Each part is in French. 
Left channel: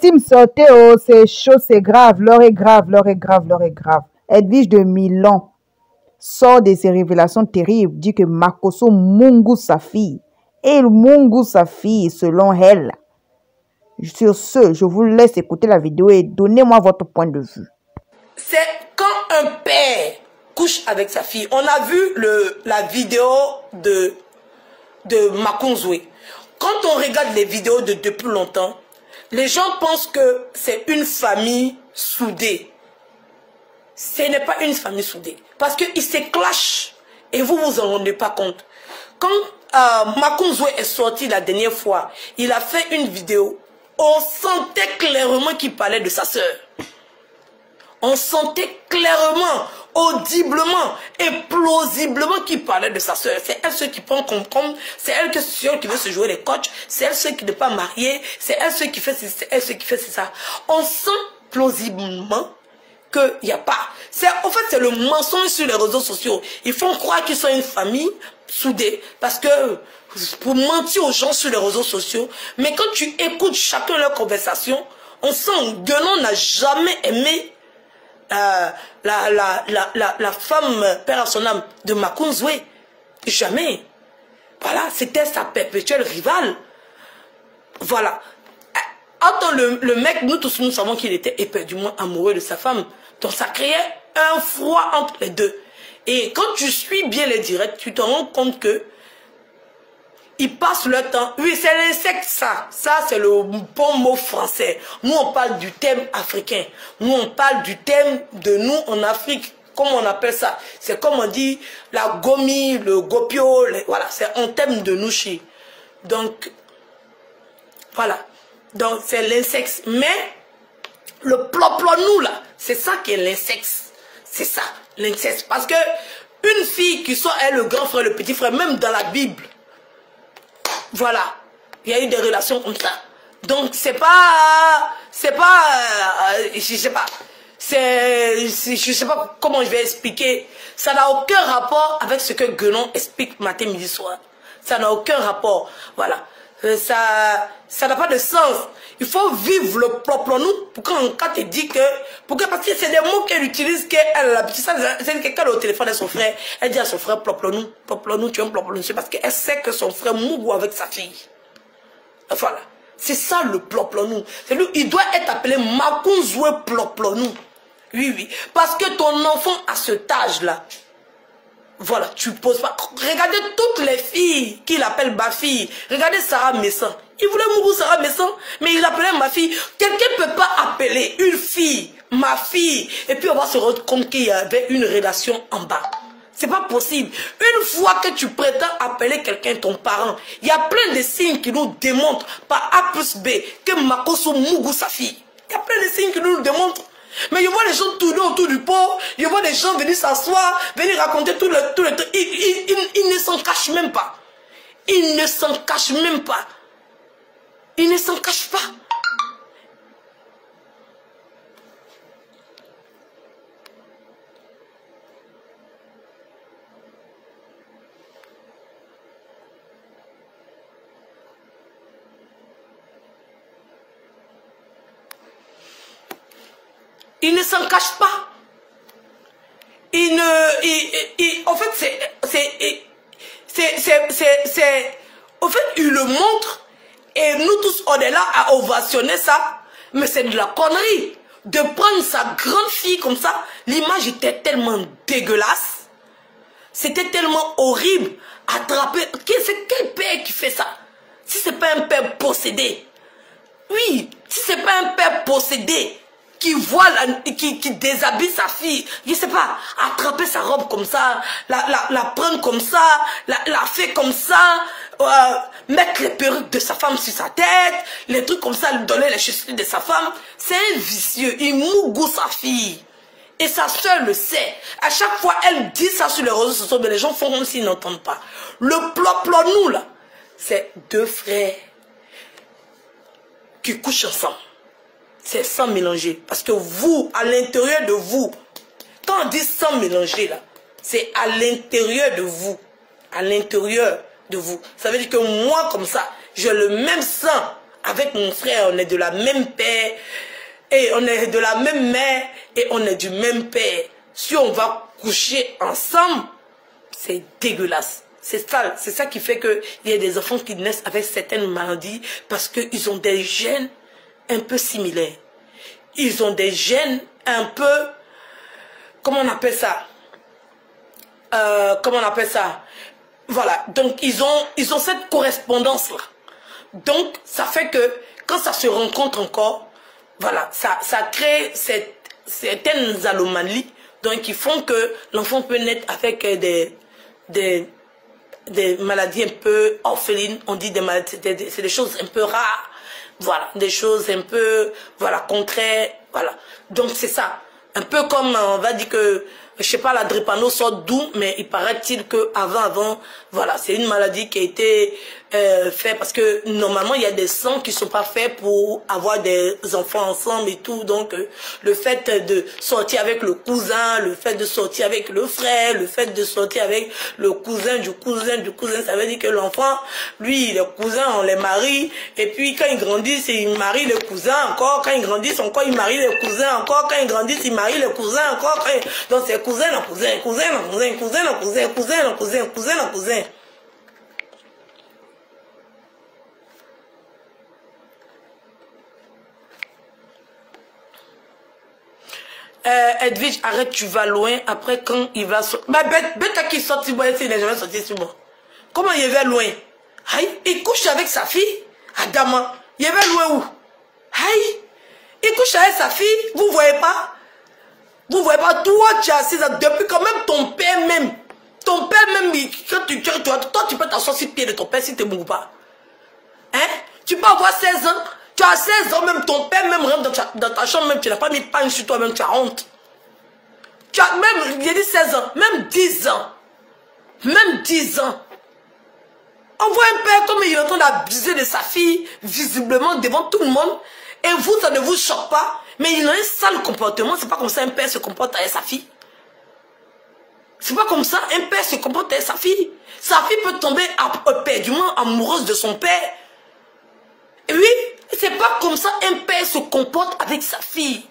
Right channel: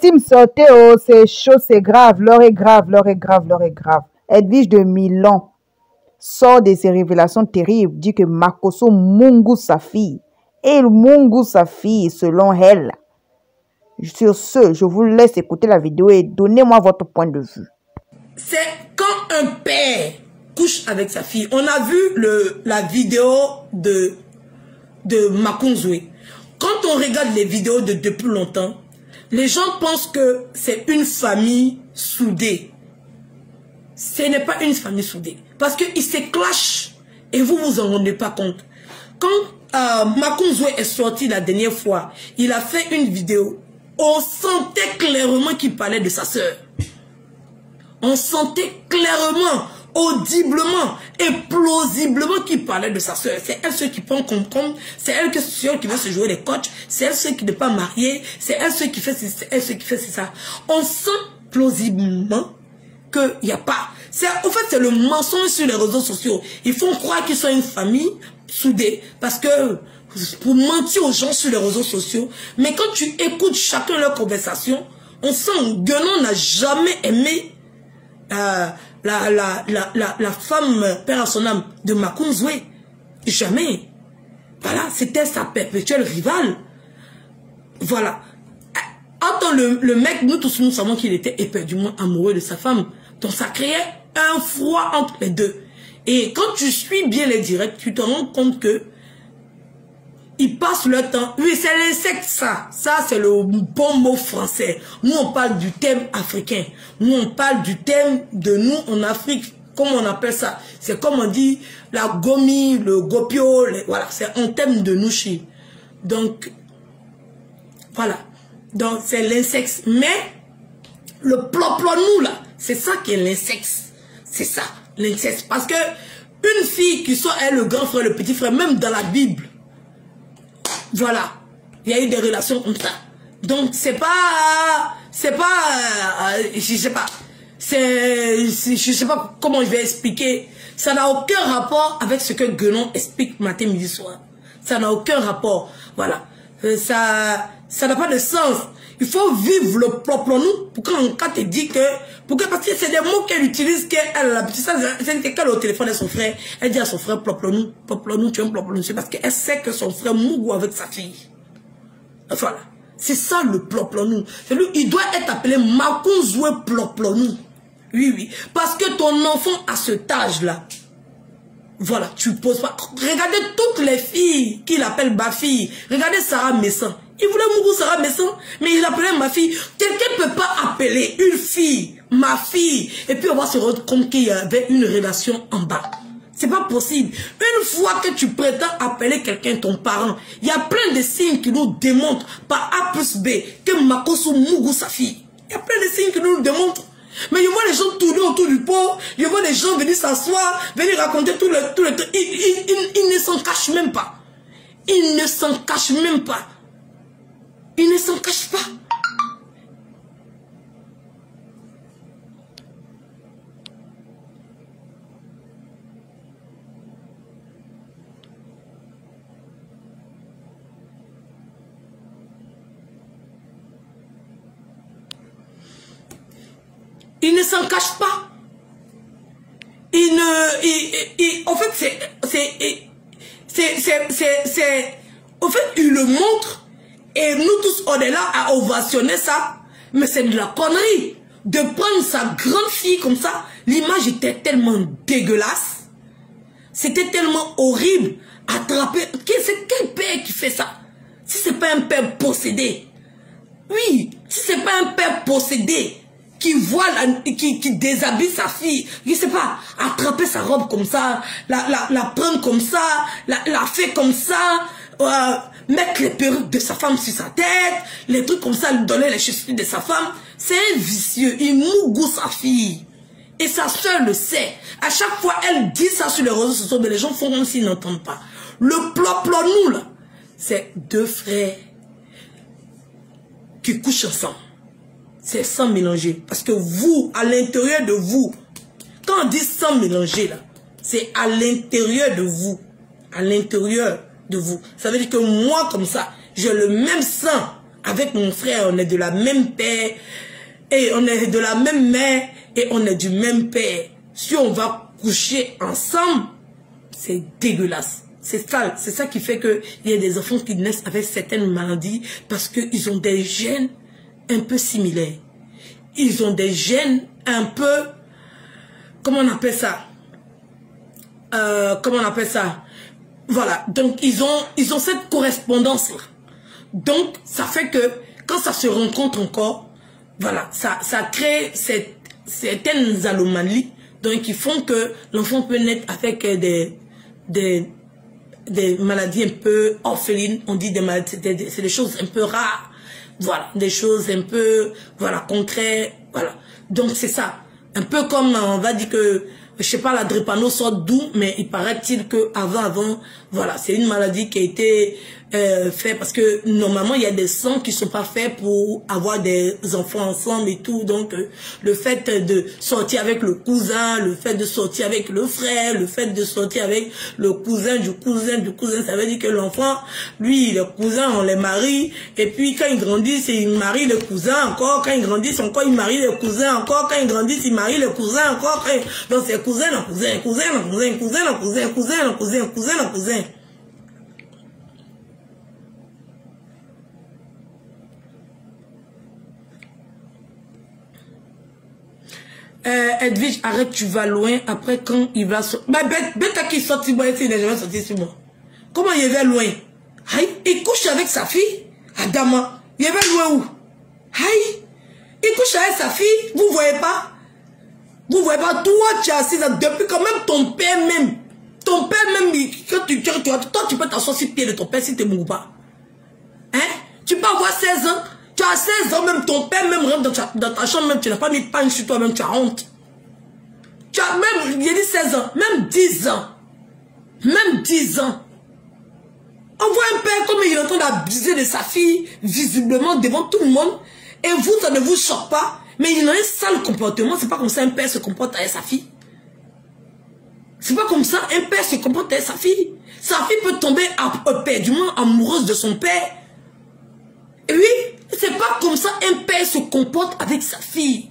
Team sortez, oh, c'est chaud, c'est grave, l'heure est grave, l'heure est grave, l'heure est grave. Edwige de Milan sort de ses révélations terribles, dit que Makosso mungu sa fille. Et mungu sa fille, selon elle. Sur ce, je vous laisse écouter la vidéo et donnez-moi votre point de vue. C'est quand un père couche avec sa fille. On a vu la vidéo de Makunzwe. Quand on regarde les vidéos depuis longtemps, les gens pensent que c'est une famille soudée. Ce n'est pas une famille soudée. Parce qu'ils se clashent et vous vous en rendez pas compte. Quand Makunzwe est sorti la dernière fois, il a fait une vidéo. On sentait clairement qu'il parlait de sa sœur. On sentait clairement, audiblement et plausiblement qu'il parlait de sa sœur. C'est elle ceux qui prend comme c'est elle qui veut se jouer les coachs, c'est elle ceux qui n'est pas mariée, c'est elle ceux qui fait c'est elle ceux qui fait ça. On sent plausiblement qu'il n'y a pas. En fait, c'est le mensonge sur les réseaux sociaux. Ils font croire qu'ils sont une famille soudée parce que pour mentir aux gens sur les réseaux sociaux. Mais quand tu écoutes chacun leur conversation, on sent que Guénon n'a jamais aimé la femme, père à son âme, de Makunzwe. Jamais. Voilà, c'était sa perpétuelle rivale. Voilà. Attends, le mec, nous tous nous savons qu'il était éperdument amoureux de sa femme. Donc ça créait un froid entre les deux. Et quand tu suis bien les directs, tu te rends compte que ils passent leur temps. Oui, c'est l'insecte, ça. Ça, c'est le bon mot français. Nous, on parle du thème africain. Nous, on parle du thème de nous en Afrique. Comment on appelle ça? C'est comme on dit la gomi, le gopio. Voilà, c'est un thème de nous chez. Donc, voilà. Donc, c'est l'insecte. Mais, le ploplonou, là, c'est ça qui est l'insecte. C'est ça, l'insecte. Parce que, une fille qui soit elle, le grand frère, le petit frère, même dans la Bible, voilà, il y a eu des relations comme ça. Donc c'est pas, je sais pas, je sais pas comment je vais expliquer. Ça n'a aucun rapport avec ce que Guénon explique matin, midi, soir. Ça n'a aucun rapport. Voilà, ça n'a pas de sens. Il faut vivre le propre nous pour quand tu dis que, parce que c'est des mots qu'elle utilise, c'est qu'elle au téléphone de son frère, elle dit à son frère propre nous, tu es un propre nous, c'est parce qu'elle sait que son frère mourou avec sa fille. Voilà. C'est ça le propre nous. Il doit être appelé Makunzwe propre nous. Oui, oui. Parce que ton enfant à cet âge-là, voilà, tu poses pas. Regardez toutes les filles qu'il appelle ma fille. Regardez Sarah Messan. Il voulait mourir Sarah Messan, mais il appelait ma fille. Quelqu'un ne peut pas appeler une fille, ma fille, et puis on va se rendre compte qu'il y avait une relation en bas. C'est pas possible. Une fois que tu prétends appeler quelqu'un ton parent, il y a plein de signes qui nous démontrent par A plus B que Makosso Mougou sa fille. Il y a plein de signes qui nous démontrent. Mais je vois les gens tourner autour du pot, je vois les gens venir s'asseoir, venir raconter tout le temps. Ils ne s'en cachent même pas. Ils ne s'en cachent même pas. Ils ne s'en cachent pas. Ils ne s'en cachent pas. En fait, en fait, ils le montrent. Et nous tous, on est là à ovationner ça. Mais c'est de la connerie. De prendre sa grande fille comme ça. L'image était tellement dégueulasse. C'était tellement horrible. Attraper. C'est quel père qui fait ça? Si c'est pas un père possédé. Oui, si c'est pas un père possédé qui voit, qui déshabille sa fille, je sais pas, attraper sa robe comme ça, la prendre comme ça, la faire comme ça, mettre les perruques de sa femme sur sa tête, les trucs comme ça, lui donner les chaussures de sa femme. C'est un vicieux, il mougou sa fille. Et sa soeur le sait. À chaque fois, elle dit ça sur les réseaux sociaux, mais les gens font comme s'ils n'entendent pas. Le ploplonou, là, c'est deux frères qui couchent ensemble. C'est sans mélanger. Parce que vous, à l'intérieur de vous, quand on dit sans mélanger, là, c'est à l'intérieur de vous. À l'intérieur de vous. Ça veut dire que moi, comme ça, j'ai le même sang avec mon frère, on est de la même père, et on est de la même mère, et on est du même père. Si on va coucher ensemble, c'est dégueulasse. C'est ça qui fait qu'il y a des enfants qui naissent avec certaines maladies parce qu'ils ont des gènes un peu similaires. Ils ont des gènes un peu... Comment on appelle ça? Voilà. Donc, ils ont cette correspondance-là. Donc, ça fait que quand ça se rencontre encore, voilà, ça crée certaines anomalies donc, qui font que l'enfant peut naître avec des maladies un peu orphelines, on dit des maladies, c'est des choses un peu rares, voilà, des choses un peu, voilà, contraires, voilà. Donc c'est ça, un peu comme on va dire que, je sais pas, la drépano sort d'où, mais il paraît-il que avant, voilà, c'est une maladie qui a été faite parce que normalement il y a des sangs qui sont pas faits pour avoir des enfants ensemble et tout, donc le fait de sortir avec le cousin, le fait de sortir avec le frère, le fait de sortir avec le cousin du cousin, ça veut dire que l'enfant, lui, les cousins, on les marie, et puis quand ils grandissent, ils marient le cousin encore, quand ils grandissent encore, ils marient le cousin encore, quand ils grandissent, ils marient le cousin encore, donc c'est cousin en cousin, cousin en cousin, cousin en cousin, cousin en cousin, cousin en cousin. Edwige, arrête, tu vas loin. Après, quand il va sortir... Mais bête qui sort, il n'est jamais sorti sur moi. Comment il va loin? Aïe, il couche avec sa fille. Adama, il va loin où? Aïe, il couche avec sa fille. Vous voyez pas? Vous voyez pas? Toi, tu es assise depuis quand même ton père même. Ton père même, toi, tu peux t'asseoir sur le pied de ton père si tu ne mourras pas. Hein? Tu peux avoir 16 ans. Tu as 16 ans, même ton père même rentre dans ta chambre, même tu n'as pas mis pain sur toi-même, tu as honte. Tu as même, il a dit 16 ans, même 10 ans. Même 10 ans. On voit un père comme il est en train d'abuser de sa fille, visiblement devant tout le monde, et vous, ça ne vous choque pas, mais il a un sale comportement, c'est pas comme ça un père se comporte avec sa fille. C'est pas comme ça un père se comporte avec sa fille. Sa fille peut tomber éperdument amoureuse de son père. Et oui, c'est pas comme ça un père se comporte avec sa fille.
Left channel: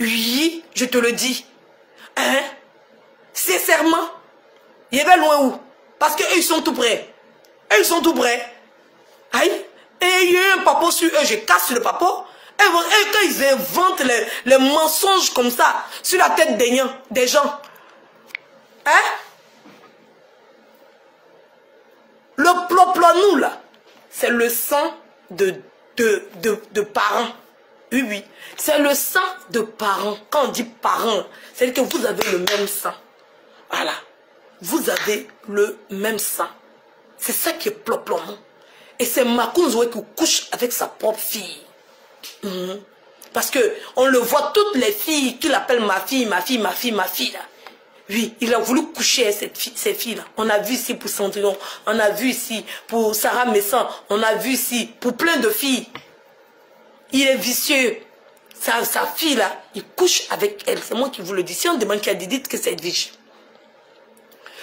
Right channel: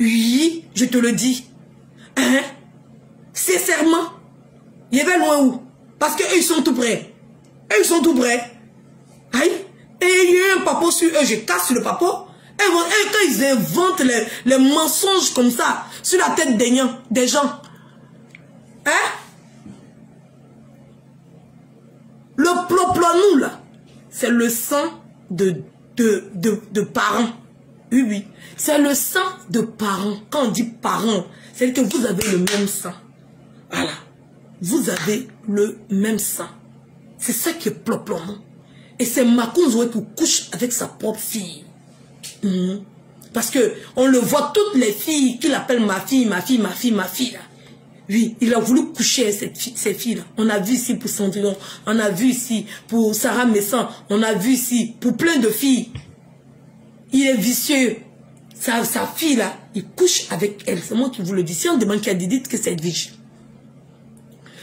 Oui, je te le dis. Hein? Sincèrement, il va loin où? Parce qu'eux, ils sont tout près. Eux, ils sont tout près. Aïe. Et il y a un papo sur eux, je casse le papo. Et quand ils inventent les mensonges comme ça, sur la tête des gens. Hein? Le ploplonou, là, c'est le sang de parents. Oui, oui. C'est le sang de parents. Quand on dit parents, c'est que vous avez le même sang. Voilà. Vous avez le même sang. C'est ça qui est ploplonou. Et c'est Makounzoué qui couche avec sa propre fille. Parce que on le voit, toutes les filles qui l'appellent ma fille, ma fille, ma fille, ma fille, là. Oui, il a voulu coucher avec ces filles-là. On a vu ici pour Cendrillon, on a vu ici pour Sarah Messan, on a vu ici pour plein de filles. Il est vicieux. Sa fille-là, il couche avec elle. C'est moi qui vous le dis. Si on demande qui a dit, dites que c'est Edwige.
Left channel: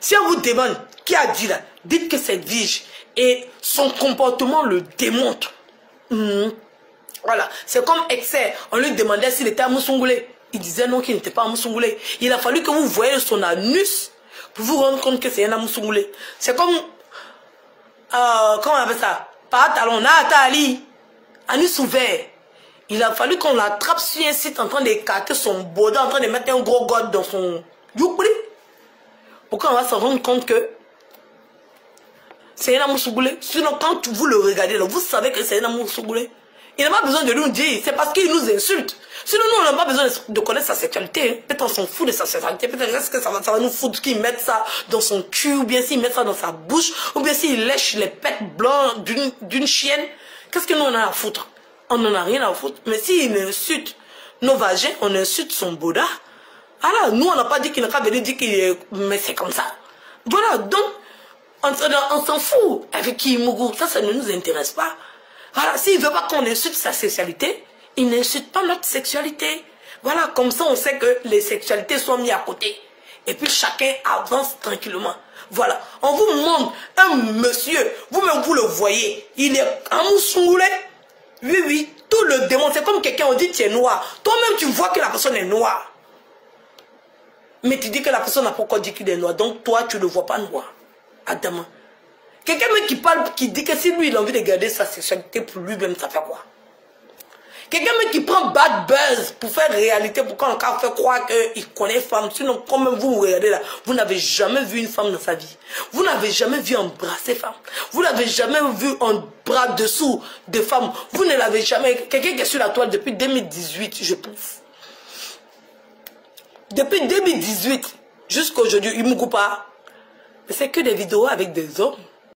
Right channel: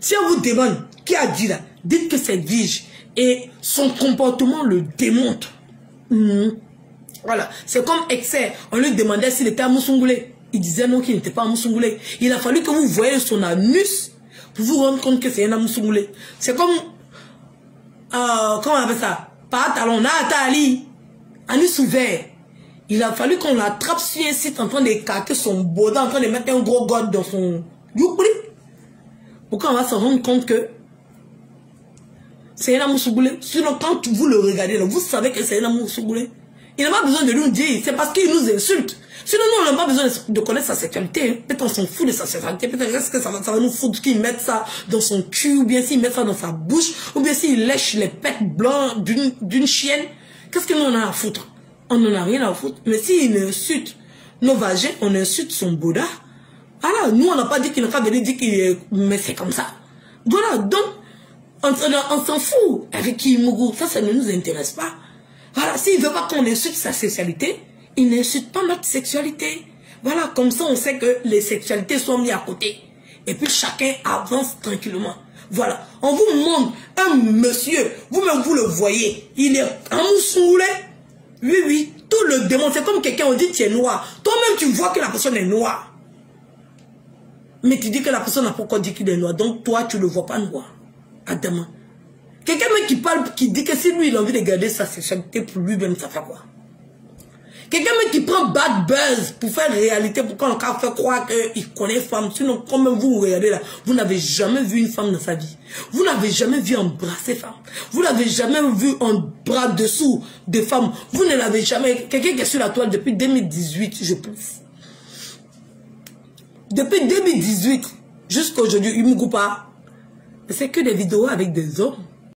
Si on vous demande qui a dit là, dites que c'est Edwige. Et son comportement le démontre. Voilà. C'est comme Excès. On lui demandait s'il était à Moussoungoulé. Il disait non, qu'il n'était pas à Moussoungoulé. Il a fallu que vous voyez son anus pour vous rendre compte que c'est un Moussoungoulé. C'est comme... comment on appelle ça? Pas talon, Nathalie. Anus ouvert. Il a fallu qu'on l'attrape sur un site en train d'écarter son boda, en train de mettre un gros god dans son... Youpri. Pourquoi on va se rendre compte que c'est un Moussoungoulé? Sinon, quand vous le regardez, là, vous savez que c'est un Moussoungoulé. Il n'a pas besoin de nous dire. C'est parce qu'il nous insulte. Sinon, nous, on n'a pas besoin de connaître sa sexualité. Peut-être on s'en fout de sa sexualité. Peut-être est-ce que ça va nous foutre qu'il mette ça dans son cul, ou bien s'il met ça dans sa bouche, ou bien s'il lèche les pets blancs d'une chienne. Qu'est-ce que nous, on a à foutre? On n'en a rien à foutre. Mais s'il insulte nos vagins, on insulte son boda. Alors, nous, on n'a pas dit qu'il n'a pas venu dire qu'il est... Mais c'est comme ça. Voilà, donc, on s'en fout avec qui Mougou. Ça ne nous intéresse pas. Voilà, s'il ne veut pas qu'on insulte sa sexualité, il n'insulte pas notre sexualité. Voilà, comme ça, on sait que les sexualités sont mises à côté. Et puis, chacun avance tranquillement. Voilà, on vous montre un monsieur, vous-même vous le voyez, il est en Moussoungoulé. Oui, oui, tout le démon, c'est comme quelqu'un, on dit tu es noir. Toi-même, tu vois que la personne est noire. Mais tu dis que la personne n'a pas encore dit qu'il est noir. Donc toi, tu ne le vois pas noir. Adama. Quelqu'un qui parle, qui dit que si lui, il a envie de garder sa sexualité pour lui-même, ça fait quoi? Quelqu'un qui prend bad buzz pour faire réalité, pour qu'on fait croire qu'il connaît femme. Sinon, comme vous regardez là, vous n'avez jamais vu une femme dans sa vie. Vous n'avez jamais vu embrasser femme. Vous n'avez jamais vu un bras dessous de femme. Vous ne l'avez jamais... Quelqu'un qui est sur la toile depuis 2018, je pense. Depuis 2018 jusqu'à aujourd'hui, il ne me coupe pas. Mais c'est que des vidéos avec des hommes.